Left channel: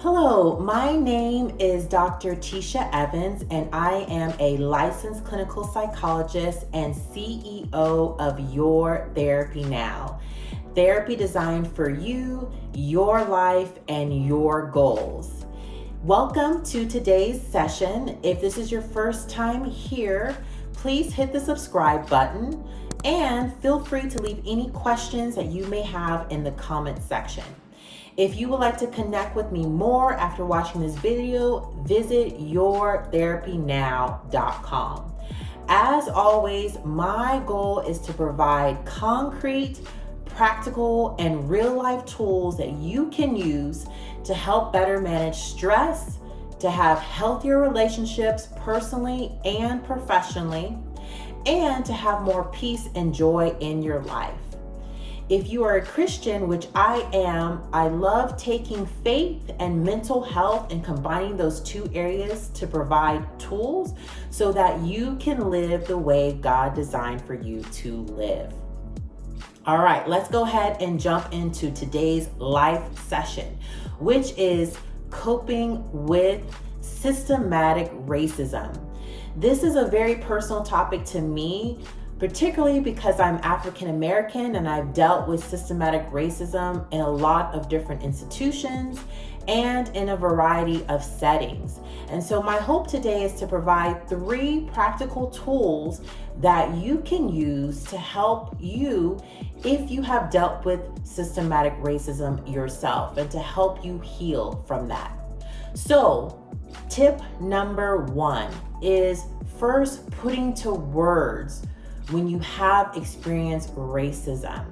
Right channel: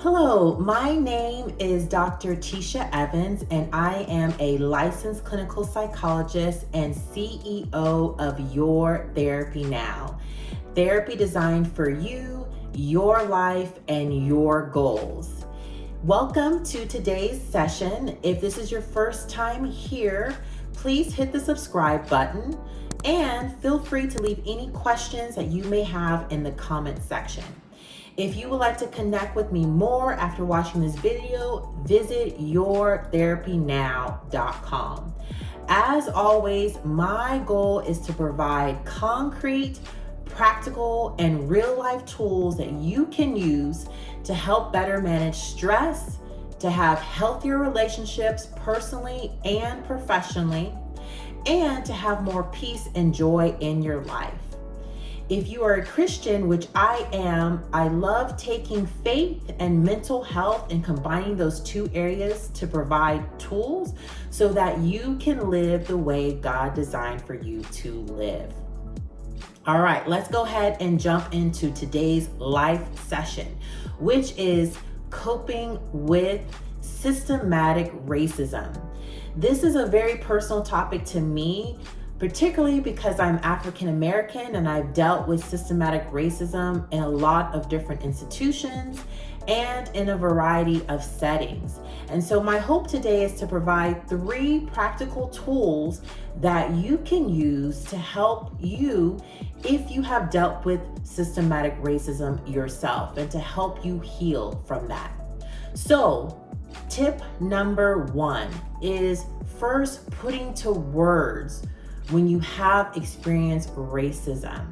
Hello, my name is Dr. Tisha Evans, and I am a licensed clinical psychologist and CEO of Your Therapy Now. Therapy designed for you, your life, and your goals. Welcome to today's session. If this is your first time here, please hit the subscribe button and feel free to leave any questions that you may have in the comment section. If you would like to connect with me more after watching this video, visit yourtherapynow.com. As always, my goal is to provide concrete, practical, and real-life tools that you can use to help better manage stress, to have healthier relationships personally and professionally, and to have more peace and joy in your life. If you are a Christian, which I am, I love taking faith and mental health and combining those two areas to provide tools so that you can live the way God designed for you to live. All right, let's go ahead and jump into today's live session, which is coping with systematic racism. This is a very personal topic to me, particularly because I'm African American and I've dealt with systematic racism in a lot of different institutions and in a variety of settings. And so my hope today is to provide 3 practical tools that you can use to help you if you have dealt with systematic racism yourself and to help you heal from that. So tip number 1 is first putting to words when you have experienced racism.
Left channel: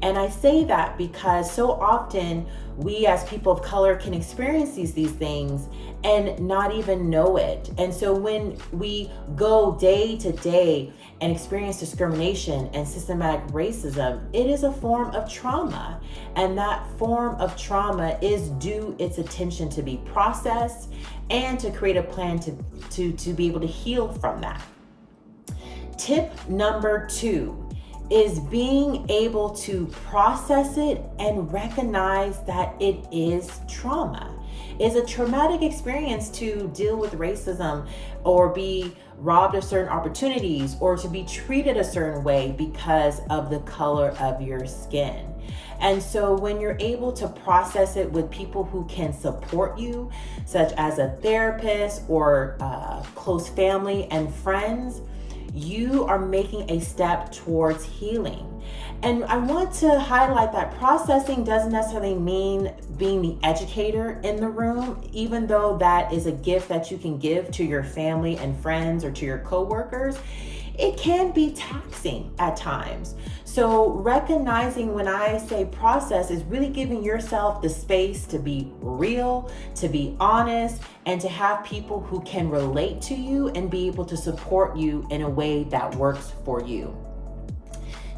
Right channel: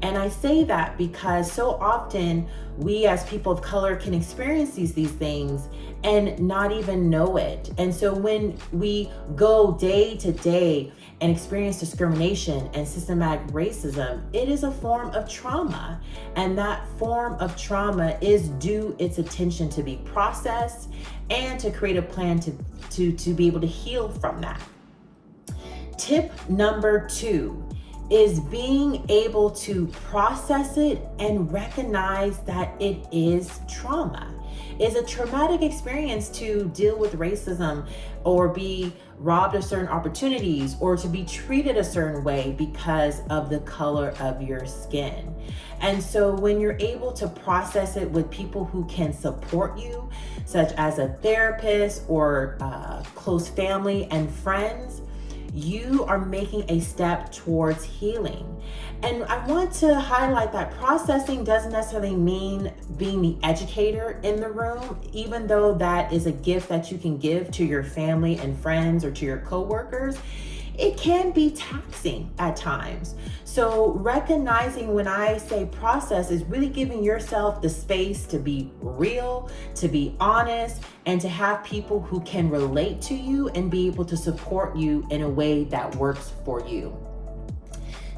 And I say that because so often we as people of color can experience these things and not even know it. And so when we go day to day and experience discrimination and systematic racism, it is a form of trauma. And that form of trauma is due its attention to be processed and to create a plan to be able to heal from that. Tip number 2 is being able to process it and recognize that it is trauma. It's a traumatic experience to deal with racism or be robbed of certain opportunities or to be treated a certain way because of the color of your skin. And so when you're able to process it with people who can support you, such as a therapist or close family and friends, you are making a step towards healing. And I want to highlight that processing doesn't necessarily mean being the educator in the room, even though that is a gift that you can give to your family and friends or to your coworkers. It can be taxing at times. So recognizing when I say process is really giving yourself the space to be real, to be honest, and to have people who can relate to you and be able to support you in a way that works for you.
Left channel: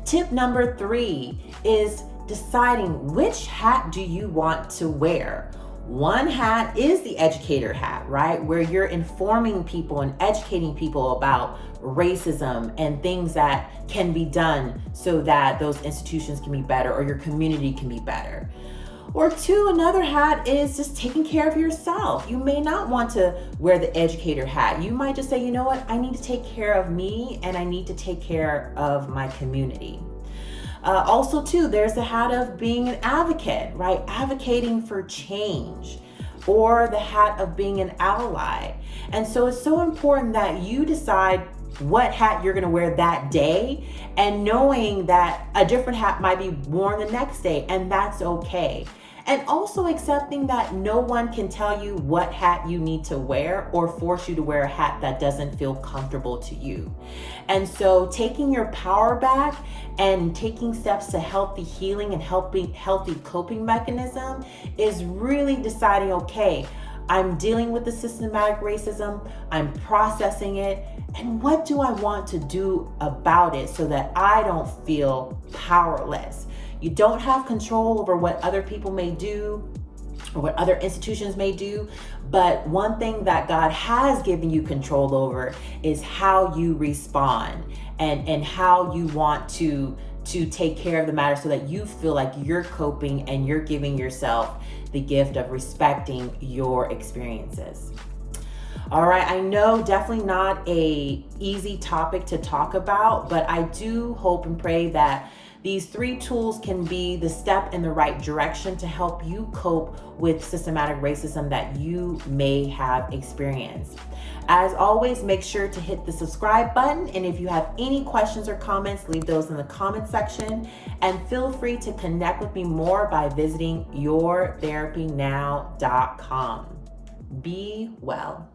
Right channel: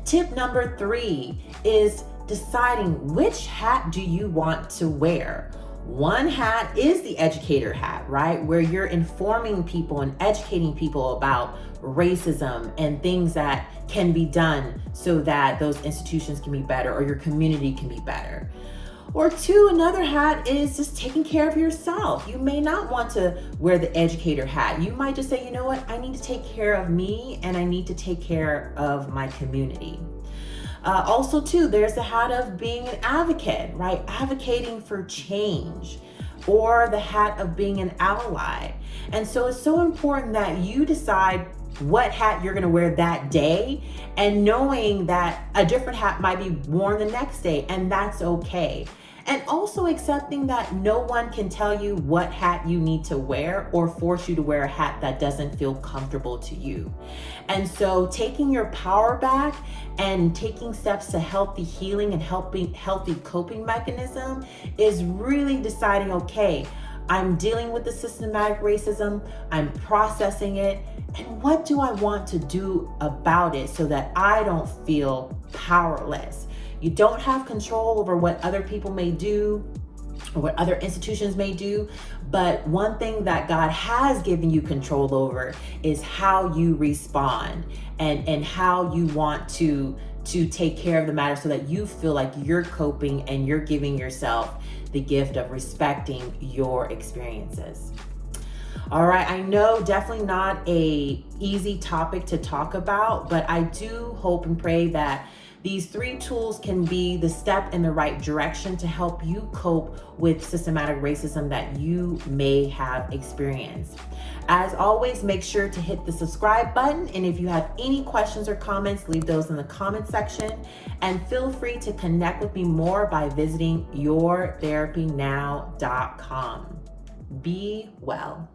Tip number 3 is deciding which hat do you want to wear. One hat is the educator hat, right? Where you're informing people and educating people about racism and things that can be done so that those institutions can be better or your community can be better. Or 2, another hat is just taking care of yourself. You may not want to wear the educator hat. You might just say, you know what, I need to take care of me and I need to take care of my community. Also, too, there's the hat of being an advocate, right? Advocating for change, or the hat of being an ally. And so it's so important that you decide what hat you're going to wear that day, and knowing that a different hat might be worn the next day, and that's okay. And also accepting that no one can tell you what hat you need to wear or force you to wear a hat that doesn't feel comfortable to you. And so taking your power back and taking steps to healthy healing and healthy coping mechanism is really deciding, okay, I'm dealing with the systematic racism, I'm processing it, and what do I want to do about it so that I don't feel powerless? You don't have control over what other people may do or what other institutions may do, but one thing that God has given you control over is how you respond and how you want to take care of the matter so that you feel like you're coping and you're giving yourself the gift of respecting your experiences. All right, I know definitely not a easy topic to talk about, but I do hope and pray that these 3 tools can be the step in the right direction to help you cope with systematic racism that you may have experienced. As always, make sure to hit the subscribe button. And if you have any questions or comments, leave those in the comment section. And feel free to connect with me more by visiting yourtherapynow.com. Be well.